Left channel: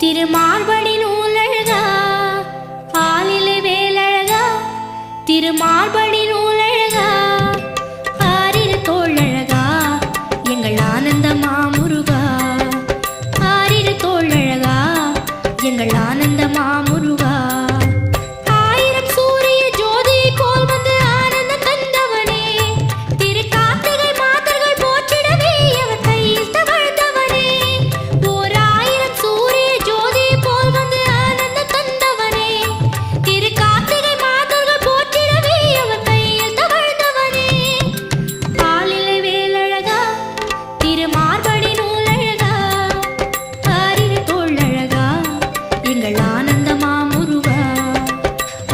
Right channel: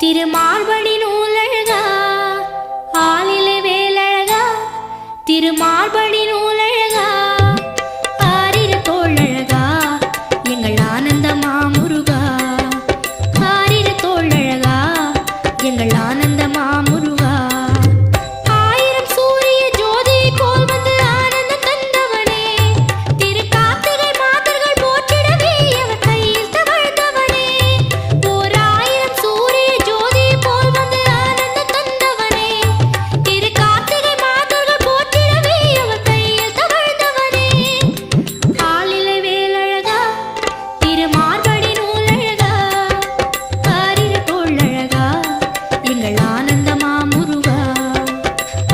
திருமார்படி நூலழகா ஆலிலே வேலழகா திருமார்படி நூலழகா ஆரிரு தோழழகா எங்கள் ஆனந்த மாமுருகா ஆரிரு தோழழகா எங்கள் ஆனந்த மாமுருகா ஆயிரம் சூரிய ஜோதி போல் வந்து ஆனந்தம் தந்தவனே திரு கார்த்திகை மாதர்கள் போற்றிடவே அவர் கையில் தவழ்ந்தவனே ஓர் ஆயிரம் சூரிய ஜோதி போல் வந்து ஆனந்தம் தந்தவனே திரு கார்த்திகை மாதர்கள் போற்றிடவே அவர் கையில் தவழ்ந்தவனே ஆலிலை வேலழகா திருமார்படி நூலழகா ஆரிரு தோழழகா எங்கள் ஆனந்த மாமுருகா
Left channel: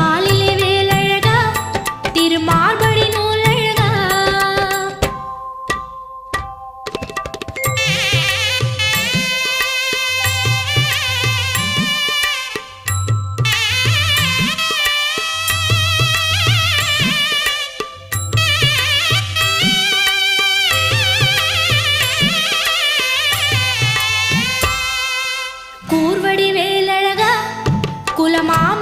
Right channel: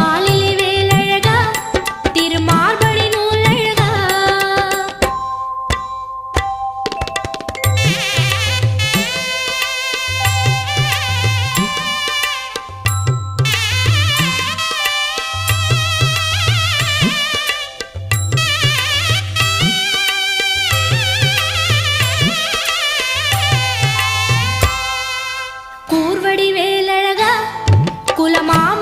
ஆலிலை வேலழகா திருமார்படி நூலழகா கூர்வடி வேலழகா குலமாம